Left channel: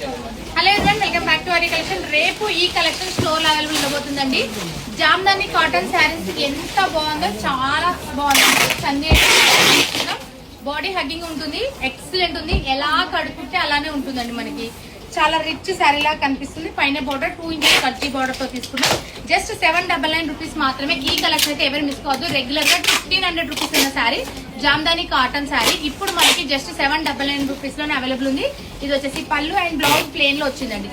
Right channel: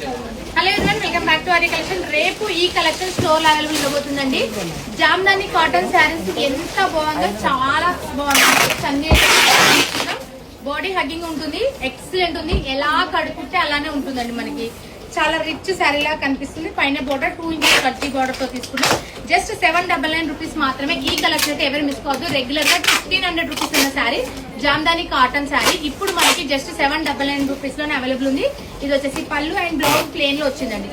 Hello everyone, welcome back to Arya collection. రేపు ఈ collection store available ఉండబోతుందండి. జామ్దాని కాటన్ శారీస్ ఎంత బాగుందో, చాలా బాగుంది. సంగీత బాడీ హగ్గింగ్ ఉంటుంది, ఎక్సలెంట్ ఉంది. ఎలా కడుక్కుంటే అలానే ఉంటుందండి. మనకి చాలా రిచ్ శారీ లాగా కనిపిస్తుంది. పైన బోర్డర్ 2 ఇంచెస్ కట్టి బోర్డర్ తో తీసుకున్నాం. జస్ట్ 799 రూపీస్ మాత్రమే. ఈ కలెక్షన్ అయితే ఎవరు మిస్ కావద్దు. రెగ్యులర్ గా 1500 రూపీస్ ఉన్న శారీ జామ్దాని కాటన్ శారీ ఇప్పుడు మనకి జస్ట్ 799 రూపీస్ లోనే అవైలబుల్ ఉంది. ఇది వచ్చేసి పళ్ళు అండ్ బ్లౌజ్ ప్లేన్ లో వచ్చిందండి.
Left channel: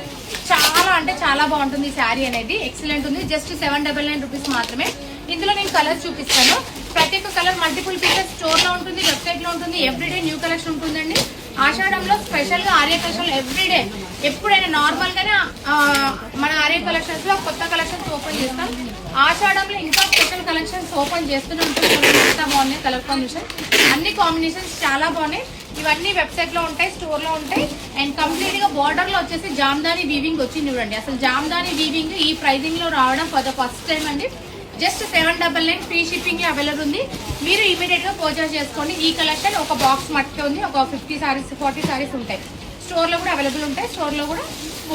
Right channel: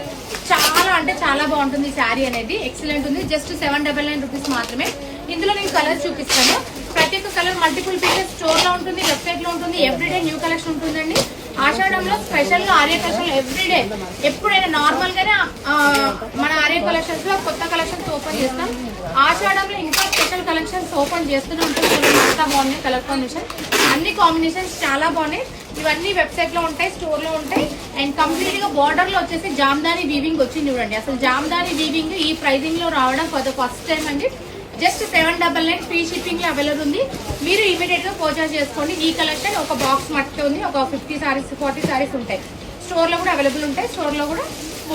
చాలా అంటే చాలా బాగుంటుంది శారీ అనేది, ఎక్సలెంట్ ఉంది. జస్ట్ 799 రూపీస్ మాత్రమే. ఇందులో నేను కలర్స్ చూపిస్తాను. ప్రతి ఒక్క కలర్ మల్టిపుల్ పీసెస్ స్టోర్ లో ఉంటుంది, వెబ్సైట్ లో ఉంటుంది. ఎవ్రీడే న్యూ కలెక్షన్ ఉంటుందండి. ఆషాఢంలో స్పెషల్ గా ఆర్య కలెక్షన్ ఎవ్రీడే, ఎప్పుడైనా నార్మల్ గానే మన ఆర్య కలెక్షన్స్ లో కొత్త కలెక్షన్స్ ఓపెన్ చేస్తాం. ఆషాఢంలో ఇంకా స్పెషల్ కలెక్షన్స్ ఓపెన్ చేస్తున్నాం. ఎంత బాగున్నాయి కలర్ కాంబినేషన్, అన్ని కాంబినేషన్స్ చాలా బాగున్నాయి. ఇవన్నీ వెబ్సైట్ లో ఉంటాయి, స్టోర్ లో ఉంటాయి. అండ్ కంప్లీట్ గా బోర్డర్ లో వచ్చేసి జామ్దాని వీవింగ్ వచ్చింది చూడండి. అసలు జామ్దాని వీవింగ్ ఈ ప్రైజింగ్ లో రావడం ఫస్ట్ టైం అండి. జస్ట్ 799 ఫ్రీ షిప్పింగ్ అవైలబుల్ ఉంది. మీరు ఇమీడియట్ గా పర్చేస్ చేసుకోండి. ఈ కలెక్షన్ ఒక బాక్స్ మట్టి ఉంది. ఒక 50 సారీస్ 40 సారీస్ ఉంటాయి. స్టోర్ లో కూడా అవైలబుల్ ఉంటాయి. స్టోర్ లో కూడా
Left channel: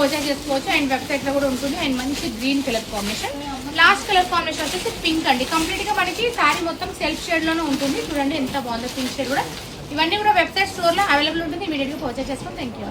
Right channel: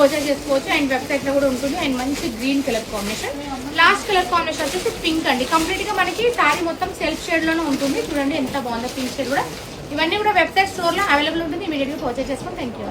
పర్చేస్ చేసుకోవచ్చు. అండ్ వెబ్సైట్ లో కూడా ఉంటుంది. అండ్ మంచి green colour combination. Last colour combination వచ్చేసి పింక్ అండి. కంప్లీట్ గా మనకి సారీ మొత్తం సెల్ఫ్ షేడ్ లోనే ఉంటుంది. చూడండి ఎంత బాగుందో పింక్ షేడ్ కూడా. ఇవన్నీ కూడా వెబ్సైట్ స్టోర్ లో అవైలబుల్ ఉంటుంది. ఇమీడియట్ గా పర్చేస్ చేసుకోండి. Thank you.